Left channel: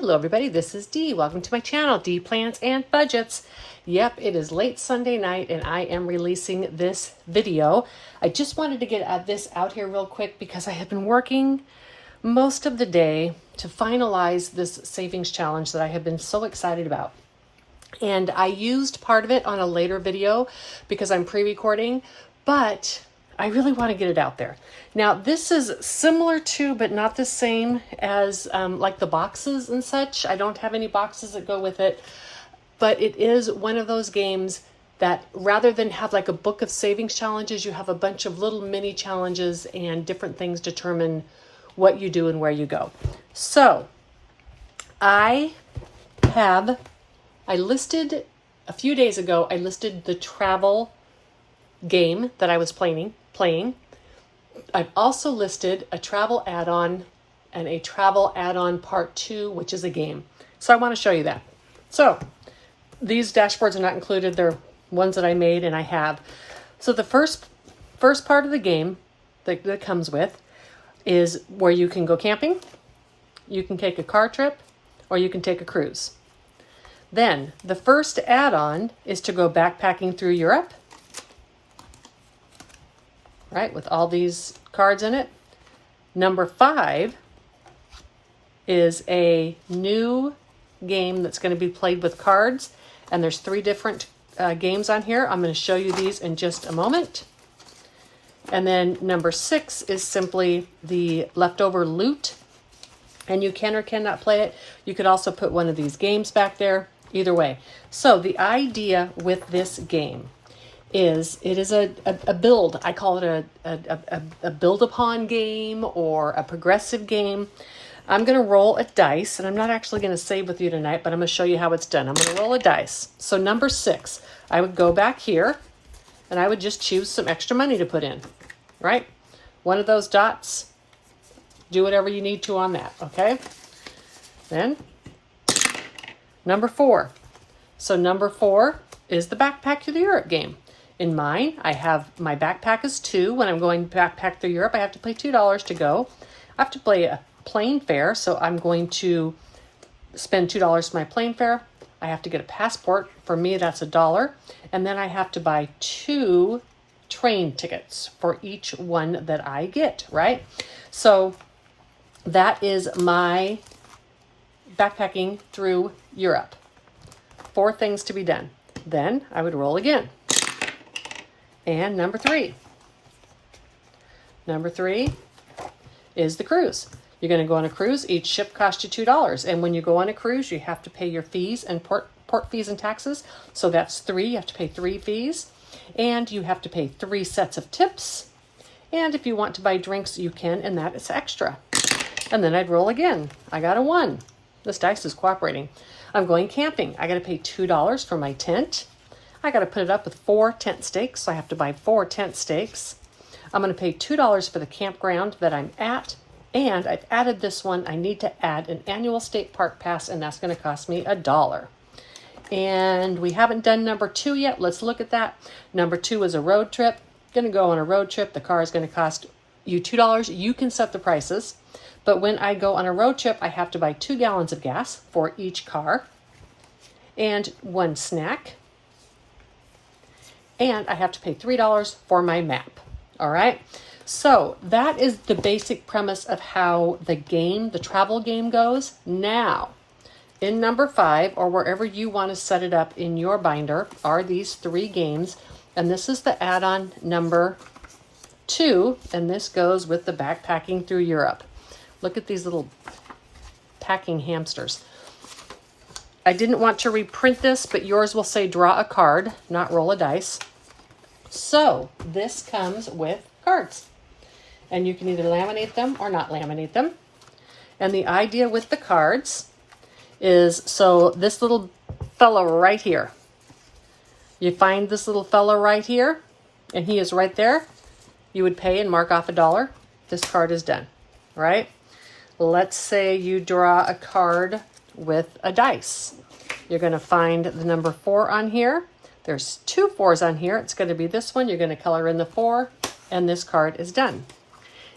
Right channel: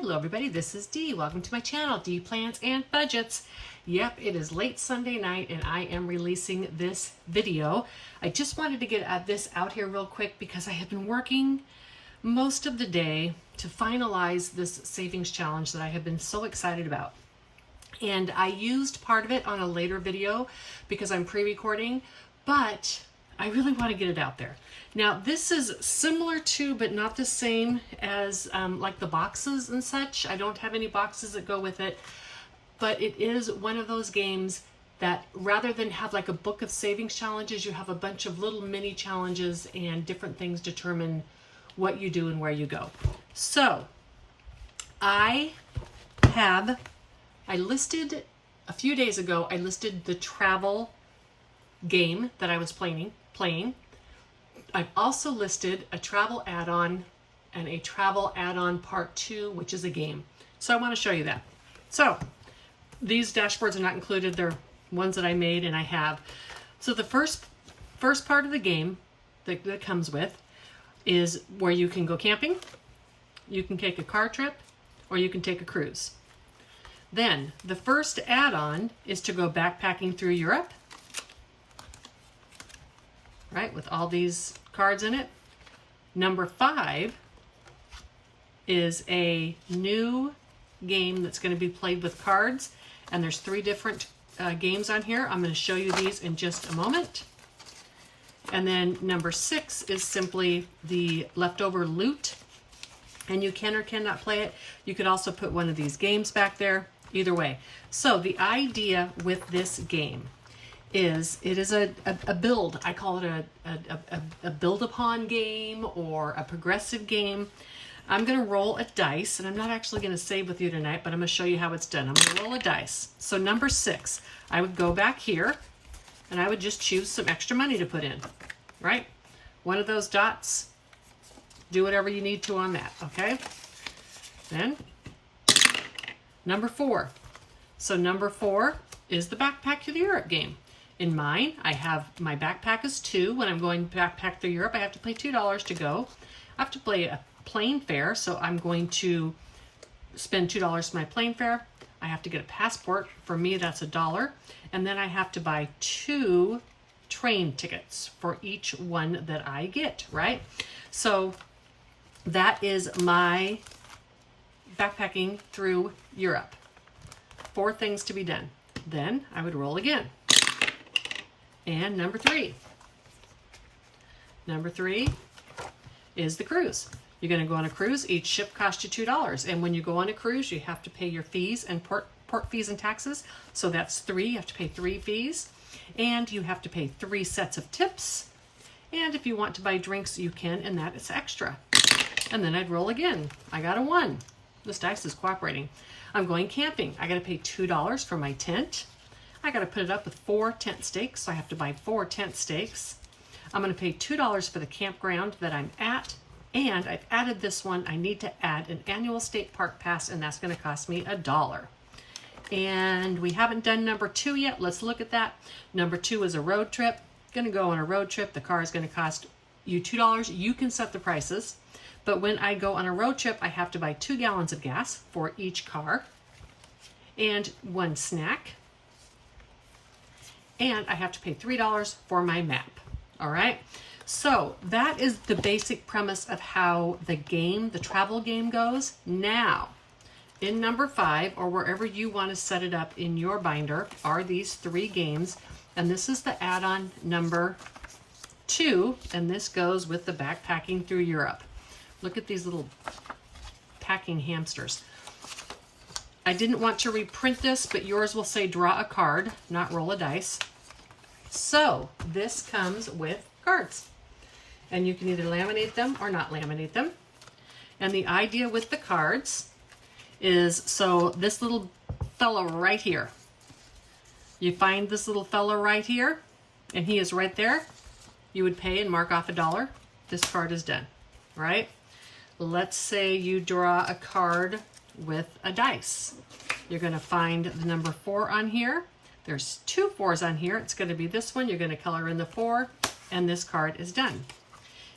Hello everybody, this is Dee. Welcome to my channel, Dee Plans and Budgets. Yep, it is late Sunday night and I am releasing this video. I just wanted to get this out here real quick because I have been working most of the day to finalize this savings challenge that I have been so excited about. And I used part of it on a later video because I'm pre-recording, but I really want to get it out there. Now, this is similar to, but not the same as like the boxes and such. I don't have any boxes that go with it, but it is one of those games that rather than have like a book of savings challenges, you have a bunch of little mini challenges and different things determine what you do and where you go. So I listed a few days ago, I listed the travel game that I was playing. I've also listed a travel add-on and a travel add-on part 2, which is a game. So I want to show you that. So these dashboards are not included. They're ones that I made and I have. So the first part of the game that comes with is where you can go camping, you can take a car trip, or you can take a cruise. Then the first add-on is to go backpacking through Europe, right, with all these cards in it. Number 5 is a new game that's going to be played with cards, and there's 3 different games on here. I'm going to show you these in just a moment. And then number 6 is simply the leftover loot, and you can or cannot play it. You could also put one of these games back there, either way. So the idea with this game is it is a build. I call it a build upon game or a progressive game. I'm going to roll a dice, and I'm not actually going to save with you tonight, but I'm going to show you how it's done. I'm going to roll a dice. So number 6, I would go back here and I would just choose some extra money to put in, right? One of those dots, do whatever you need to on that, okay? Then number 4. So number 4 is the Backpack Through the Europe game. In mine, I have my backpack is 2. When I'm going backpack through Europe, I have to pay $2 to go. I have to pay a plane fare, so I'm going to spend $2 for my plane fare. I have to get a passport. For me, that's $1. And then I have to buy 2 train tickets for each one that I get, right? So that is my backpacking through Europe. 4 things to be done. Then I would roll again. And number 3. Number 3 is the cruise. You're going to go on a cruise. Each ship costs you $2. And when you go on a cruise, you have to pay your fees and port fees and taxes. So that's 3. You have to pay 3 fees. And you have to pay 3 sets of tips. And if you want to buy drinks, you can, and that is extra. And then I'd roll again. I got a 1. This dice is cooperating. I'm going camping. I got to pay $2 for my tent. I got to put it up with 4 tent stakes, so I have to buy 4 tent stakes. I'm going to pay $2 for the campground that I'm at, and I've added this one. I need to add an annual state park pass, and that's going to cost me $1. And we haven't done number 2 yet. Let's look at that. Number 2 is a road trip. Going to go on a road trip. The car is going to cost you $2. You can set the prices, but when I go on a road trip, I have to buy 2 gallons of gas for each car and 1 snack. And I have to pay $3 for my map. All right. So that is the basic premise of how the game, the travel game goes. Now, in number 5, or wherever you want to set it up in your binder, are these 3 games. And this is the add-on number 2. And this goes with the backpacking through Europe. Look at these little packing hamsters. I didn't want to reprint this, but yours will say draw a card, not roll a dice. So this comes with cards, and you can either laminate them or not laminate them. And the idea with the cards is, so this little fellow right here, you find this little fellow right here, and he is right there. You would pay and mark off $1. This card is done, right? Let's say you draw a card with a dice. You're going to find the number 4 on here. There's 2 4s on here. It's going to be this one. You're going to color in the 4, and this card is done.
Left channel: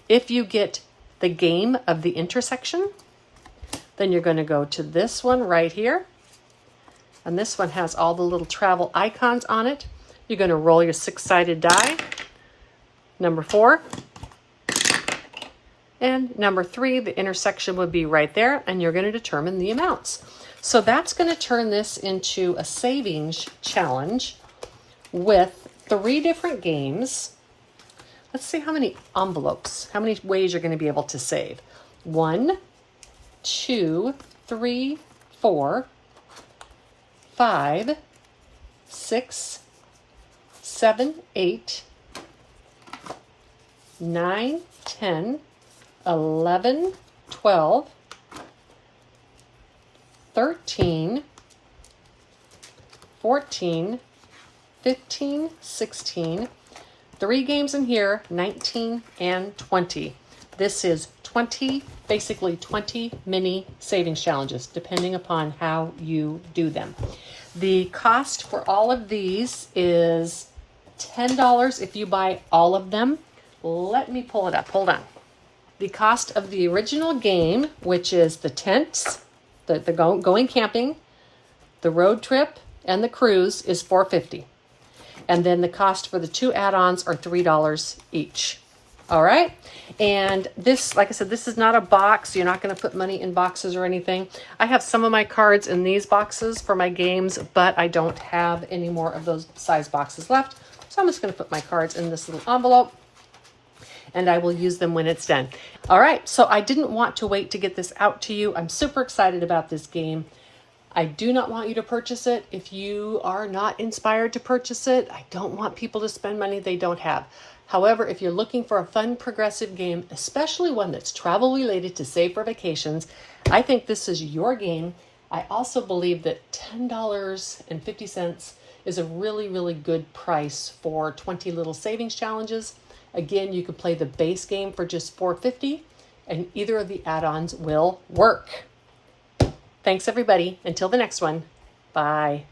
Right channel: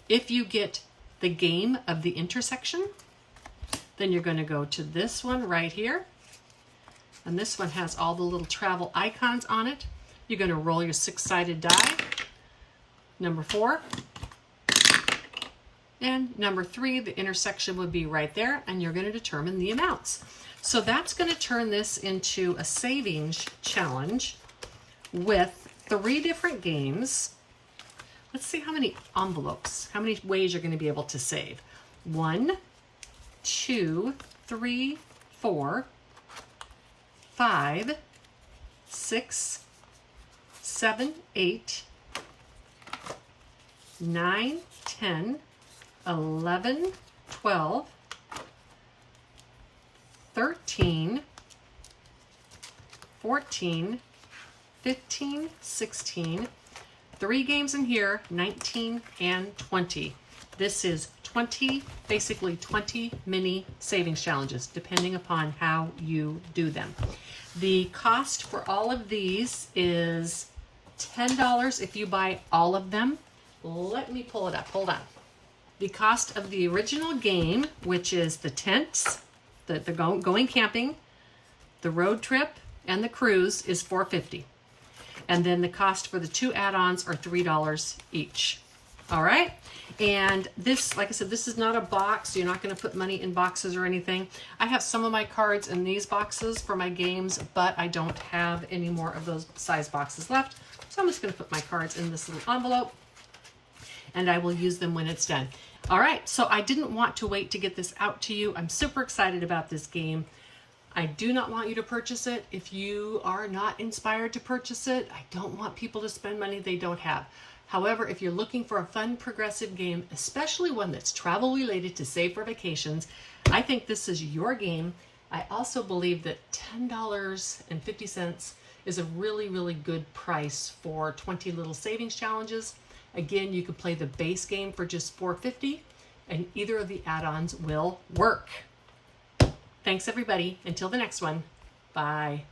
If you get the game of the intersection, Then you're going to go to this one right here. And this one has all the little travel icons on it. You're going to roll your 6-sided die. Number 4. And number 3, the intersection would be right there, and you're going to determine the amounts. So that's going to turn this into a savings challenge with 3 different games. Let's see how many envelopes, how many ways you're going to be able to save. 1, 2, 3, 4, 5, 6, 7, 8, 9, 10, 11, 12, 13, 14, 15, 16, 3 games in here, 19 and 20. This is 20, basically 20 mini savings challenges, depending upon how you do them. The cost for all of these is $10 if you buy all of them. Let me pull it up, hold on. The cost of the original game, which is the tents, the going camping, the road trip, and the cruise, is $4.50. And then the cost for the 2 add-ons are $3 each. All right. And this, like I said, this is not a box. You're not going to put money in boxes or anything. I have some of my cards in these boxes for my games, but I don't have any more of those size boxes left. So I'm just going to put my cards in this little envelope, and I will use them when it's done. All right, so I didn't want to wait to get this out to you. I'm super excited about this game. I do not want you to purchase it if you are not inspired to purchase it. I don't want people to spend money they don't have. However, if you're looking for a fun, progressive game, especially one that's travel related to save for vacations, I think this is your game. I also believe that $10.50 is a really, really good price for 20 little savings challenges. Again, you could play the base game for just $4.50, and either of the add-ons will work. Thanks, everybody. Until the next one. Bye.